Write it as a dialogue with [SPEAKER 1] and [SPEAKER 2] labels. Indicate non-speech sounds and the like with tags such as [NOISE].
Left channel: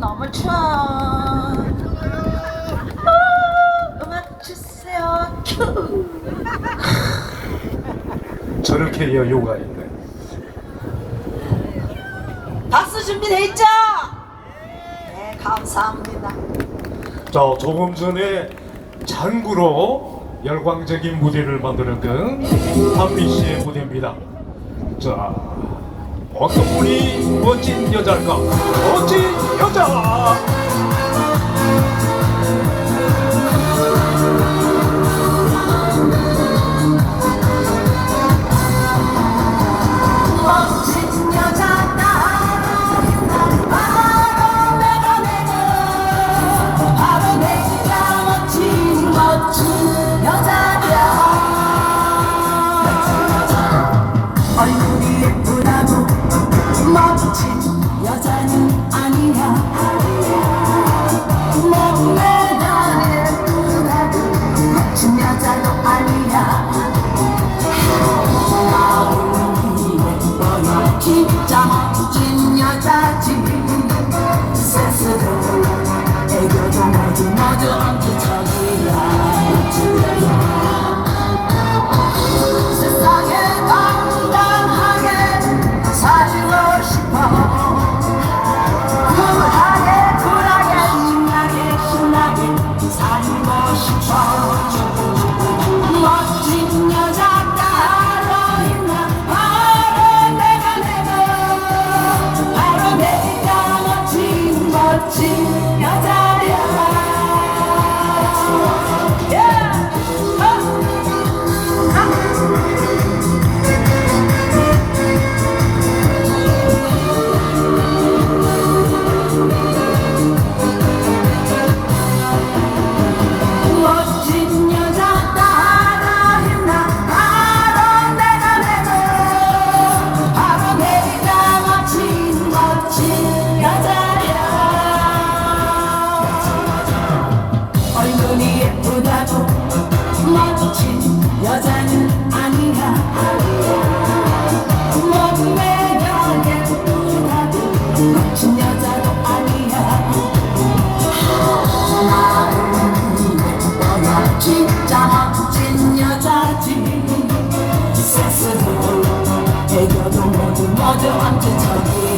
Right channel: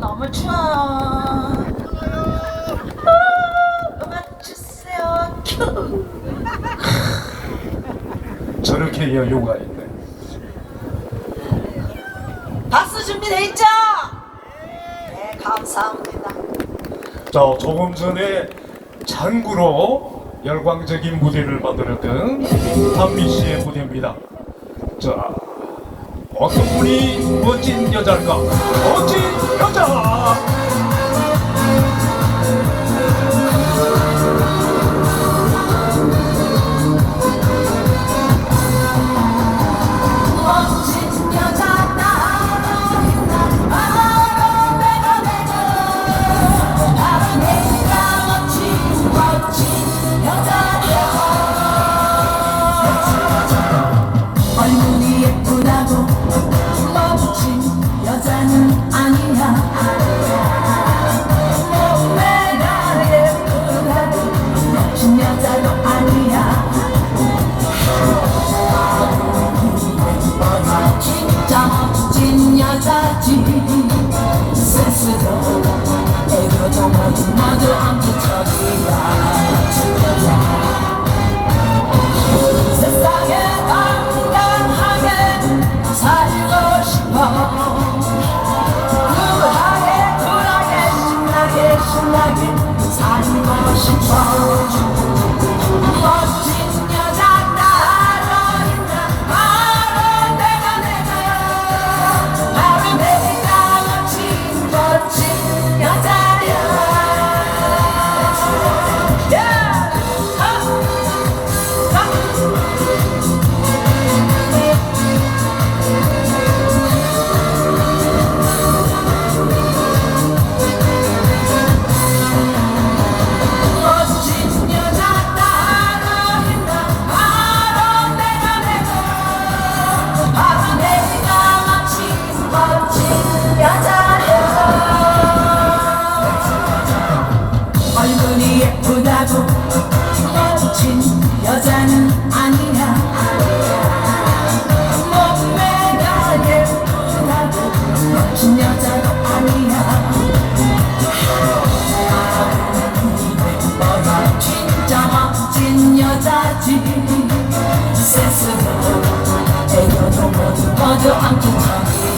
[SPEAKER 1] 너무 좋아. 아, 음악 주세요. 큐. [LAUGHS]
[SPEAKER 2] 저렇게 여유가 있네.
[SPEAKER 1] 박수 준비돼 있죠? 네, 감사합니다.
[SPEAKER 2] 자, 조금 전에 장구로 열광적인 무대를 만들었던 한미 씨의 무대입니다. 자, 어떤 분이 멋진 여자가
[SPEAKER 1] 센 예쁘다고 멋진 여자는 아니야. 몸매가 예쁘다고 멋진 여자가 아니야. 예뻐야 진짜 멋진 여자지. 세스로 애교도 모두 모두 암튼 저기.